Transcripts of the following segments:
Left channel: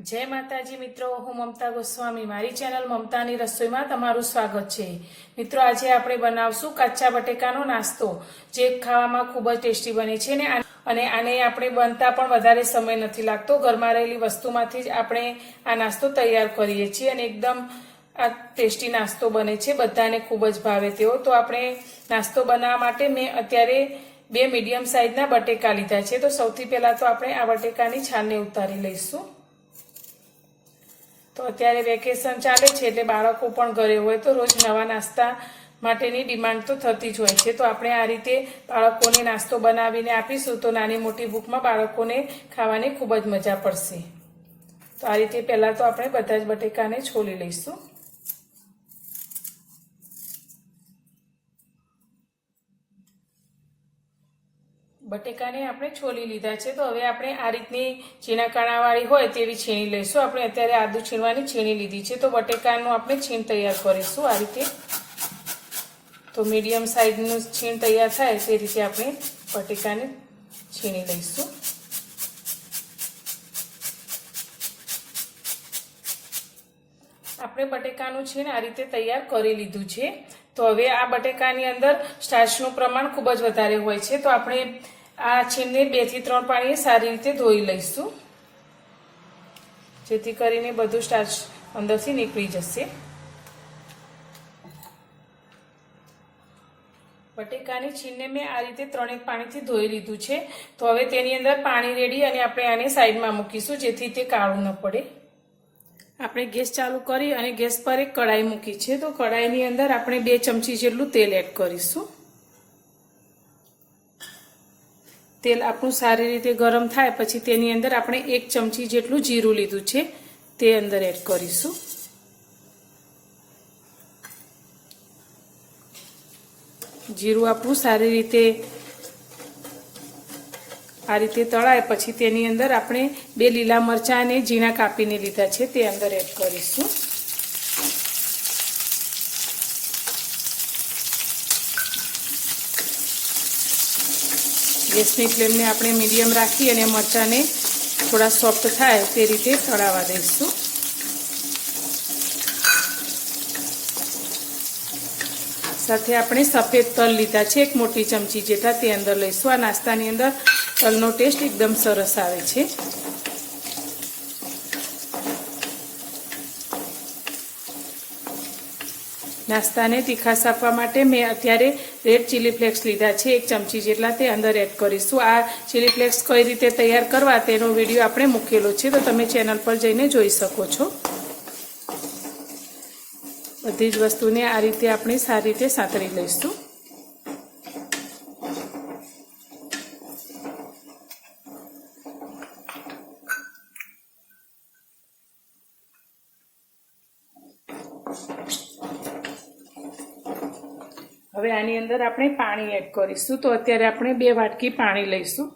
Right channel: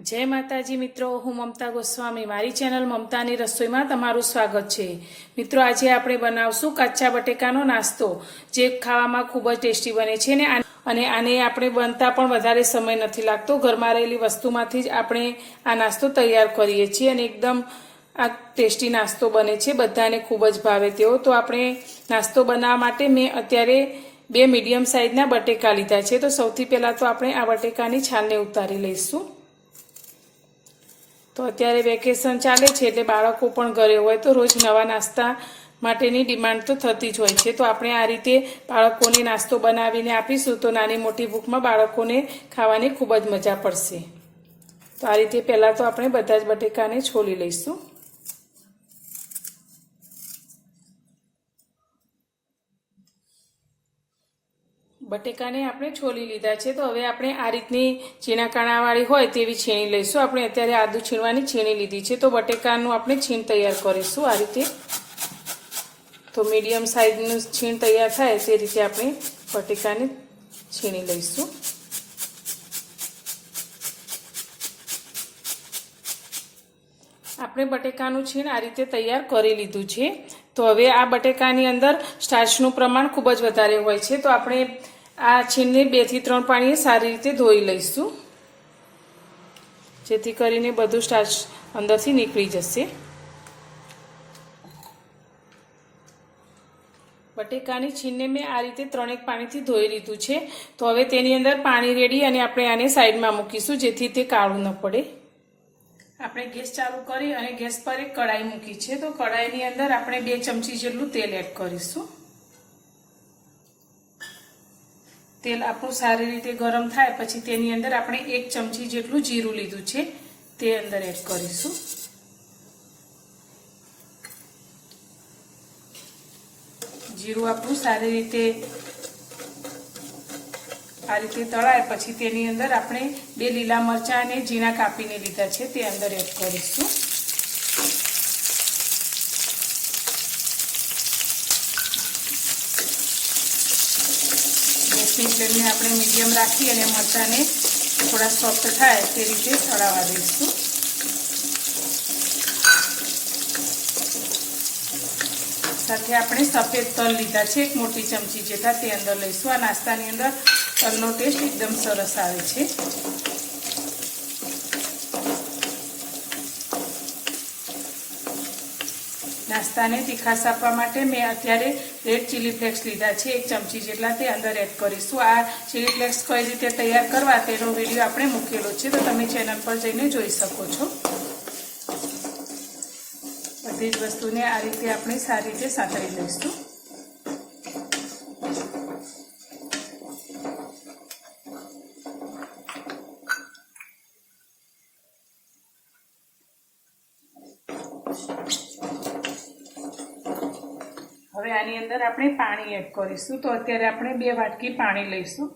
जय माताजी मित्रों, हूँ ममता गोस्वामी। मारी चेनल ममतानी रसोई में तमारुं स्वागत है। मित्रों, आज आपणे बनावशुं काचा बटेकानो नास्तो, जे खावामां खूब ज टेस्टी बने छे ने आने आपणे बनता पण वधारे समय नथी लागतो। घरमां रहेली वस्तुमांथी ज आपणे आ नास्तो तैयार करीए छीए अने एकदम आ टेस्टी नास्तो बने छे, बधाने खूब ज भावे तेवो। तो आपणे नास्तो बनाववा माटे मैं अत्यारे 2 मीडियम साइजना बटेका लीधा छे। तो सौथी पहेला तो आपणे आ बटेकानी छालने उतारी लईशुं। तो अत्यारे वेकेशन चाले छे એટલે બાળકો પણ ઘરે હોય તો રોજ નવા નાસ્તા માટેની ડિમાન્ડ તો થતી જ હોય છે। તો આપણે આ રીતે બાળકોને નાસ્તો બનાવીને આપીશું તો નાની મોટી ભૂખમાં બાળકોને ખાવાની ખૂબ જ મજા પડશે। તો આ રીતે પહેલા તો આપણે બધા જ બટેકાને છોલી લઈશું। बटेकाने आपणे छोली लीधा छे। तो हवे आपणे आ रीतनी छीणा काणावाળી હોય તેવી છીણી લઈશું। આપણે અત્યારે આદુ છીણવાની છીણી લીધી છે। તો બટેકાનું આપણે છીણ તૈયાર કરીશું આ રીતે। તો મીડિયમ સાઈઝનું છીણ તૈયાર થાય તે રીતે આપણે બટેકાને છીણી લઈશું। આપણે બટેકાનું છીણ આ રીતે તૈયાર કરી લીધું છે। તો હવે આ બટેકાની અંદર સ્ટાર્ચનું પ્રમાણ ખૂબ જ વધારે હોય છે। તો આપણે આ છીણને 2 થી 3 પાણીએ સારી રીતે ધોઈ લઈશું, જેથી કરીને બધું સ્ટાર્ચ અંદરથી નીકળી જશે। બટેકાની છીણને મેં આ રીતે 3 પાણીથી ધોઈ લીધું છે। તો હવે તેની અંદર પાણી રેડી અને આપણે આને સાઈડમાં મૂકીશું, જેથી તે કાળું ન પડે। આપણે ગેસ ચાલુ કરી અને ગેસ પર એક કઢાઈ મૂકી છે। તો કઢાઈની અંદર આપણે 2 ચમચી જેટલું તેલ એડ કરીશું। તેલ આપણું સારી રીતે ગરમ થાય પછી તેની અંદર આપણે 1 ચમચી જેટલું જીરું લીધું છે તે અંદર એડ કરીશું। જીરું આપણું સારી રીતે आ रीते तळाय पछी तेनी अंदर आपणे 2 लीला मरचा ने झीणा कापीने लीधा छे ते अंदर एड करीशुं। गैसनी फ्लेम ने आपणे मीडियम राखी अने मरचा ने थोड़ा सॉफ्ट थाय ते रीते तळावा दईशुं। साथे आपणे सफेद तल लीधा छे 1 मोटी चमची जेटला ते अंदर लईशुं। आ नास्तानी अंदर तलनो टेस्ट एकदम सरस आवे छे। नास्ताने तीखास आपवा माटे मैं अत्यारे रेड चिली फ्लेक्स लीधा छे 1 चमची जेटला ते अंदर एड करीशुं। आ चिली फ्लेक्स कई रीते तैयार करवा तेनो विडियो आपणे मूकेलो छे, तो तमे चेनल पर जईने जोई शको छो। बधी ज वस्तुने आ रीते आपणे सारी रीते सातरी लईशुं। હવે આની અંદર આપણે પાણી એડ કરીશું। તો અત્યારે આપણે 2 વાટકી પાણી લઈશું।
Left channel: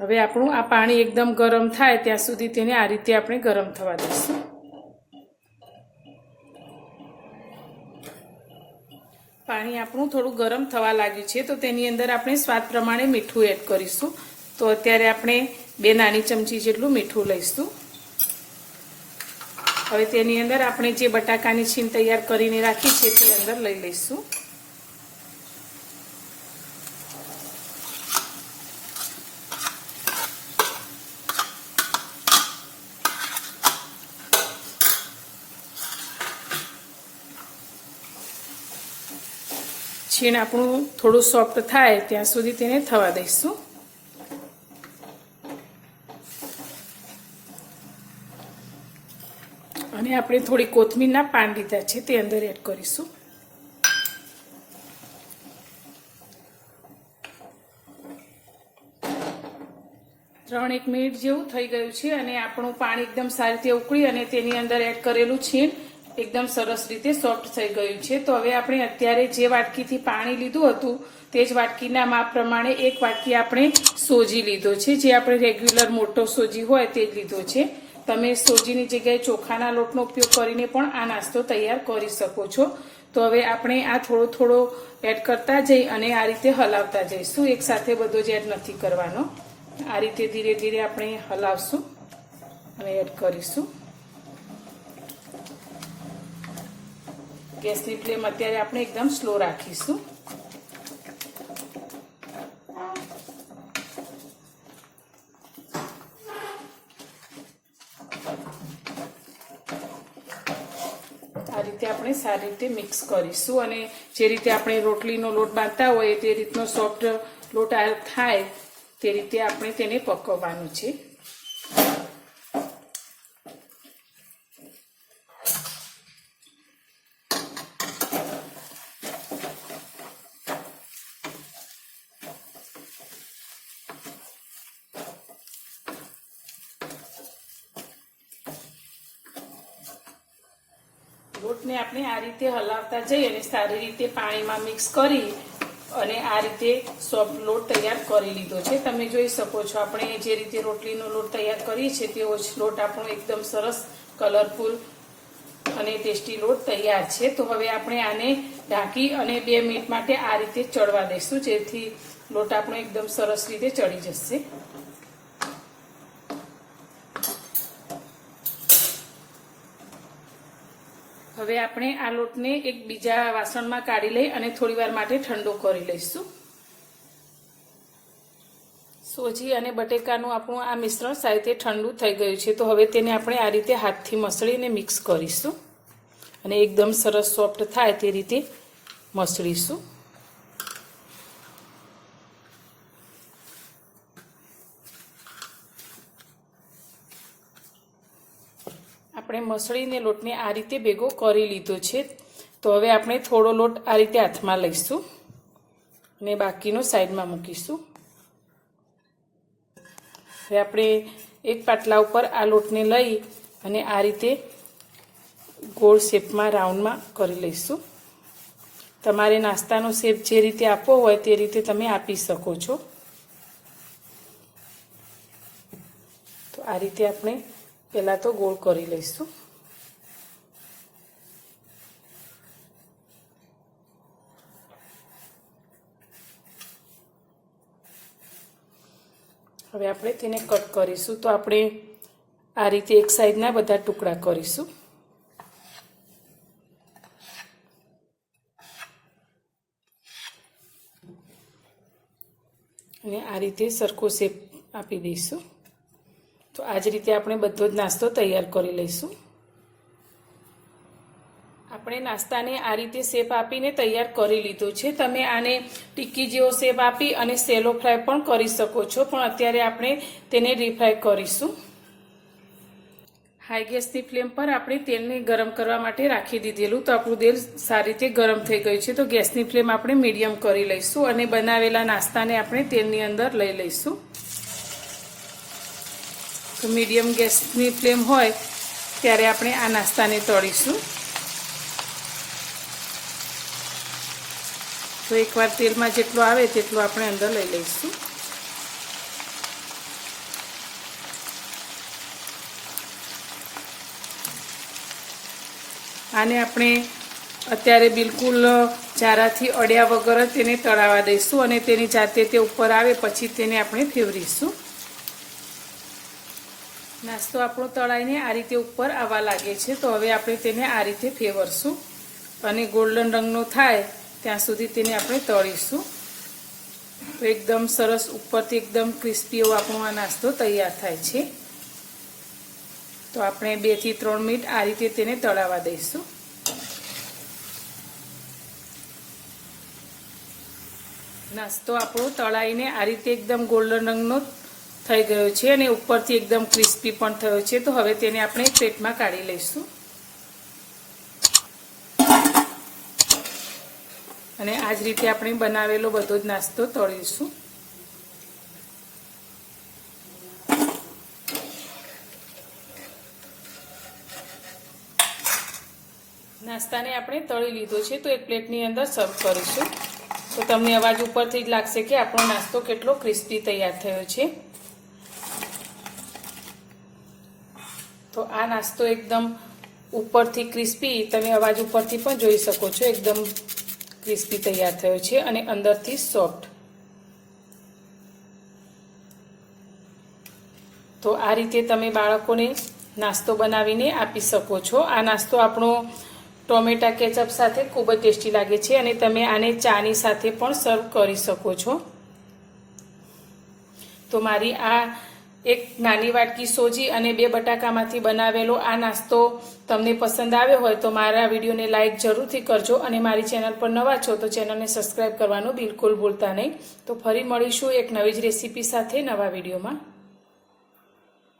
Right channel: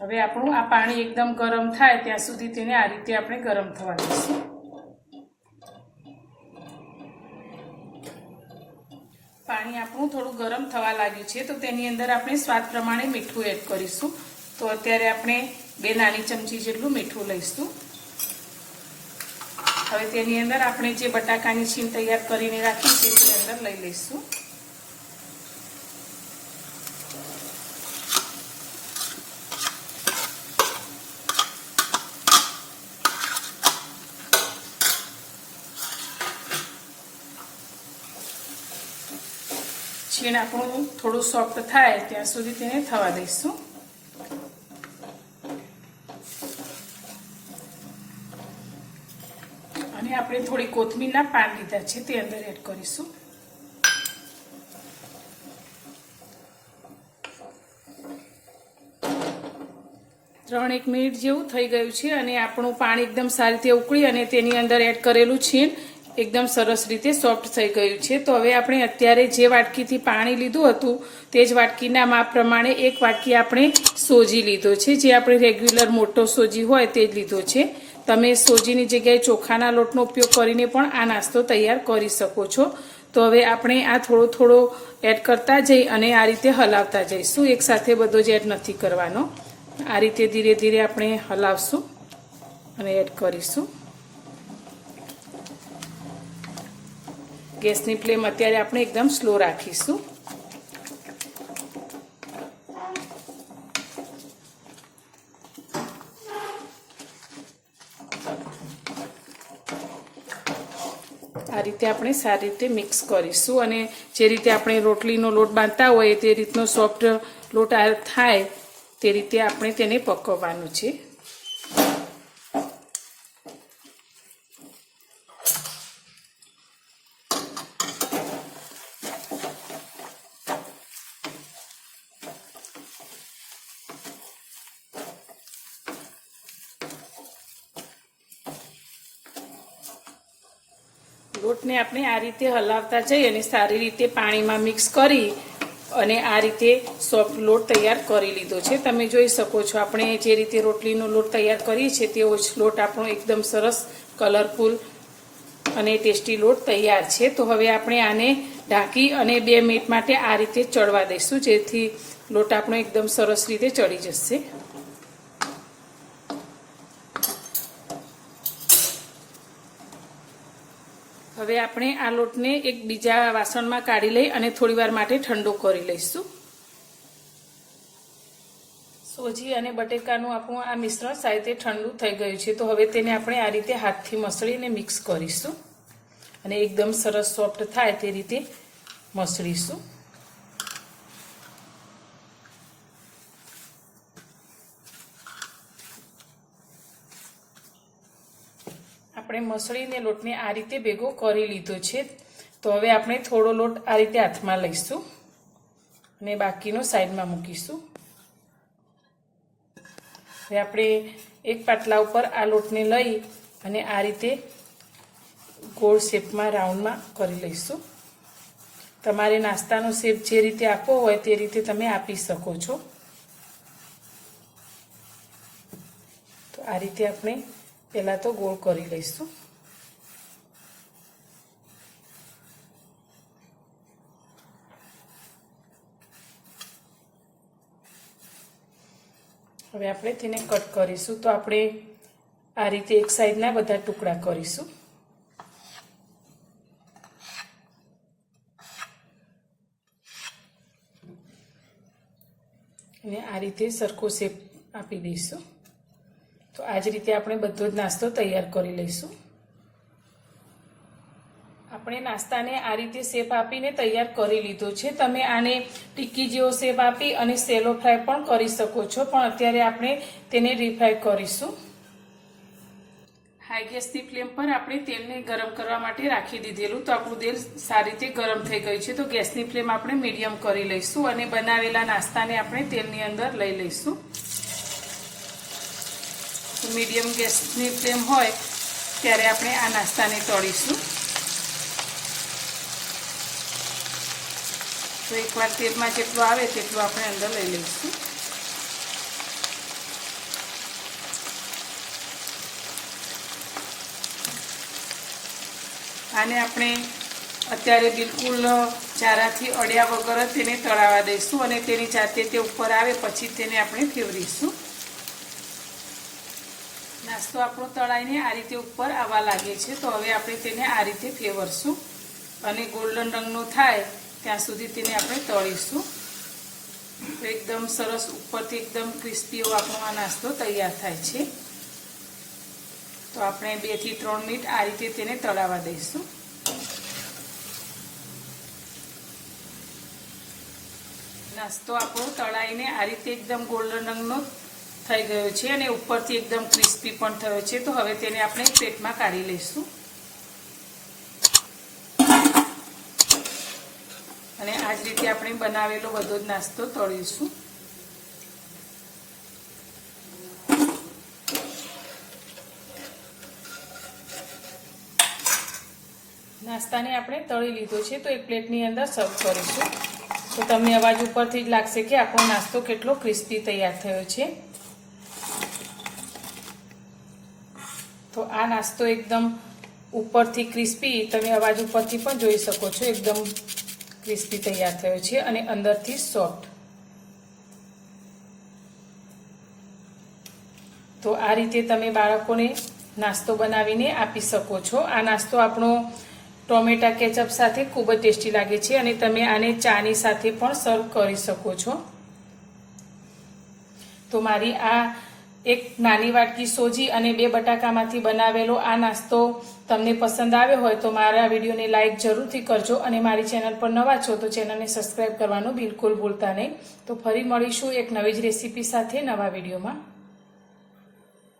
હવે આપણું આ પાણી એકદમ ગરમ થાય ત્યાં સુધી તેને આ રીતે આપણે ગરમ થવા દઈશું। पाणी आपणुं थोड़ुं गरम थवा लाग्युं छे तो तेनी अंदर आपणे स्वाद प्रमाणे मीठुं एड करीशुं। तो अत्यारे आपणे 2 नानी चमची जेटलुं मीठुं लईशुं। हवे तेनी अंदर आपणे जे बटाकानी छीण तैयार करीने राखी छे ते अंदर लई लईशुं। छीण आपणुं थोड़ुं सॉफ्ट थाय त्यां सुधी तेने थवा दईशुं। अने आपणे थोड़ी कोथमीરના પાન લીધા છે તે અંદર એડ કરીશું। 3-1 મિનિટ જેવું થઈ ગયું છે અને આપણું પાણી એકદમ સારી રીતે ઉકળી અને તેની અંદર એડ કરેલું છીણ एकदम सरस रीते सॉफ्ट थई गयुं छे। तो हवे आपणे अत्यारे जे वाटकीथी पाणी लीधुं हतुं ते ज वाटकीना माप प्रमाणे 1 वाटकी आपणे सोजी लीधो छे, जे आपणे रेग्युलर मोटो सोजी होय ते ज लीधो छे। તમે સોજીની જગ્યાએ ચોખાના લોટનો ઉપયોગ કરીને પણ આ નાસ્તો તૈયાર કરી શકો છો. તો હવે આપણે આ થોડો થોડો એડ કરતા જઈ અને આ રીતે હલાવતા જઈશું. એકસાથે બધો જ એડ નથી કરવાનો. આ રીતે ધીરે ધીરે આપણે હલાવશું અને એડ કરીશું. ગેસની ફ્લેમ અત્યારે આપણે એકદમ સ્લો રાખીશું. આ રીતે આપણે સારી રીતે મિક્સ કરીશું અને જે રીતે આપણે રોટલીનો લોટ બાંધતા હોય તે રીતનો સોફ્ટ લોટ થાય તે રીતે આપણે તેને પકવવાનું છે. લોટને આપણે આ રીતે હલાવતા જઈ અને સારી રીતે પાણીમાં મિક્સ કરી અને આ રીતે સોફ્ટ લોટ તૈયાર કરી લીધો છે. તમે જોઈ શકો છો આપણે જે રીતે રોટલીનો લોટ તૈયાર કરીએ છીએ તેવો જ લોટ આપણો એકદમ સરસ કલરફુલ અને ટેસ્ટી લોટ તૈયાર છે. તો હવે આપણે આને ઢાંકી અને 2 મિનિટ માટે આ રીતે ચડવા દઈશું, જેથી લોટ આપણો એકદમ સરસ રીતે ચડી જશે. હવે આપણે આ લોટને એક બીજા વાસણમાં કાઢી લઈ અને થોડીવાર માટે ઠંડો કરી લઈશું. સોજી અને બટેકાનું આપણું આ મિશ્રણ સારી રીતે ઠંડુ થઈ ગયું છે. તો હવે તેને આપણે આ રીતે હાથથી મસળીને મિક્સ કરીશું અને એકદમ સરસ સોફ્ટ થાય તે રીતે મસળીશું. આપણે મસળીને લોટને આ રીતે ભેગો કરી લીધો છે. તો હવે આપણે થોડો લોટ આ રીતે હાથમાં લઈશું અને બાકીનો સાઈડમાં મૂકીશું. હવે આપણે એક પાટલા ઉપર આ લોટને લઈ અને આ રીતે ગોળ શેપમાં રાઉન્ડમાં કરી લઈશું. તમારે નાસ્તાનો શેપ જે રીતે આપવો હોય તે રીતે તમે આપી શકો છો. તો આ રીતે આપણે પહેલાં તો ગોળ કરી લઈશું. હવે આપણે તેને કટ કરીશું. તો આપણે આ રીતે એક સાઈડના બધા ટુકડા કરીશું અને આ રીતે સરખો શેપ આપી દઈશું. તો આ જ રીતે આપણે બધો જ નાસ્તો તૈયાર કરી લઈશું. આપણે નાસ્તાને આ રીતે શેપ આપીને તૈયાર કરી લીધો છે. તમે આને ટિક્કી જેવો શેપ આપી અને સેલો ફ્રાય પણ કરી શકો છો, પણ અત્યારે આપણે તેને ડીપ-ફ્રાય કરીશું. હાઈ ગેસની ફ્લેમ પર આપણે તેલને ગરમ કરવા માટે રાખી દીધેલું. તો આપણું તેલ સારી રીતે ગરમ થઈ ગયું છે. તો ગેસની ફ્લેમ આપણે મીડિયમ કરી લઈશું અને બનાવેલા નાસ્તાને આપણે તેલની અંદર લઈ લઈશું. તો મીડિયમ ગેસની ફ્લેમ હોય ત્યારે આપણે આ નાસ્તાને તળીશું. તો એકવાર તેલમાં જેટલો આવે તેટલો આપણે અંદર લઈ લઈશું. આને આપણે અત્યારે બિલકુલ ચારાથી અડ્યા વગર જ તેને તળાવવા દઈશું અને તેની જાતે તે ઉપર આવે પછી તેને આપણે ફેવરીશું. નાસ્તો આપણો તળાઈને આ રીતે ઉપર આવવા લાગે છે. તો હવે આપણે તેને આ રીતે ફેવરશું અને ગોલ્ડન રંગનો થાય ત્યાં સુધી તેને આપણે તળીશું. તો એકદમ સરસ ઉપરથી એકદમ ક્રિસ્પી એવો આપણો આ નાસ્તો તૈયાર થાય છે. તો આપણે 2 થી 3 મિનિટ આ રીતે તેને તળાવવા દઈશું. નાસ્તો આપણો તળાઈને આ રીતે એકદમ ગોલ્ડન રંગનો થઈ ગયો છે અને ઉપરથી એકદમ ક્રિસ્પી પણ થયો છે. તો હવે તેને આપણે પ્લેટમાં કાઢી લઈશું અને આ જ રીતે આપણે બનાવેલો બધો જ નાસ્તો તળીશું. નાસ્તાને આપણે તળી લીધો છે. તો એક પ્લેટની અંદર સર્વ કરીશું. તો તમને અવાજ ઉપરથી જ લાગશે કે આપણો નાસ્તો કેટલો ક્રિસ્પી તૈયાર થયો છે. તો આ નાસ્તો એકદમ ઉપરથી ક્રિસ્પી, તમે અવાજ ઉપરથી પણ જોઈ શકો છો, એકદમ ક્રિસ્પી તૈયાર થયો છે અને અંદરથી સોફ્ટ. તો આ રીતે તમે બાળકોને નાસ્તો બનાવીને આપી શકો છો. આ નાસ્તો આપણો ટોમેટા કેચઅપ સાથે ખૂબ જ ટેસ્ટી લાગે છે અને તમે આને ચાની સાથે પણ સર્વ કરી શકો છો. તો મારી આ એક નાની વાટકી સોજી અને 2 બટાકામાંથી બનાવેલો આ નાસ્તો તમને પસંદ આવ્યો હોય તો મારા વિડીયોને લાઈક જરૂરથી કરજો અને મારી ચેનલ પર નવા છો તો ચેનલને સબસ્ક્રાઈબ કરવાનું બિલકુલ ભૂલતા નહીં. તો ફરી મળીશું એક નવી જ રેસીપી સાથે નવા વિડીયોમાં.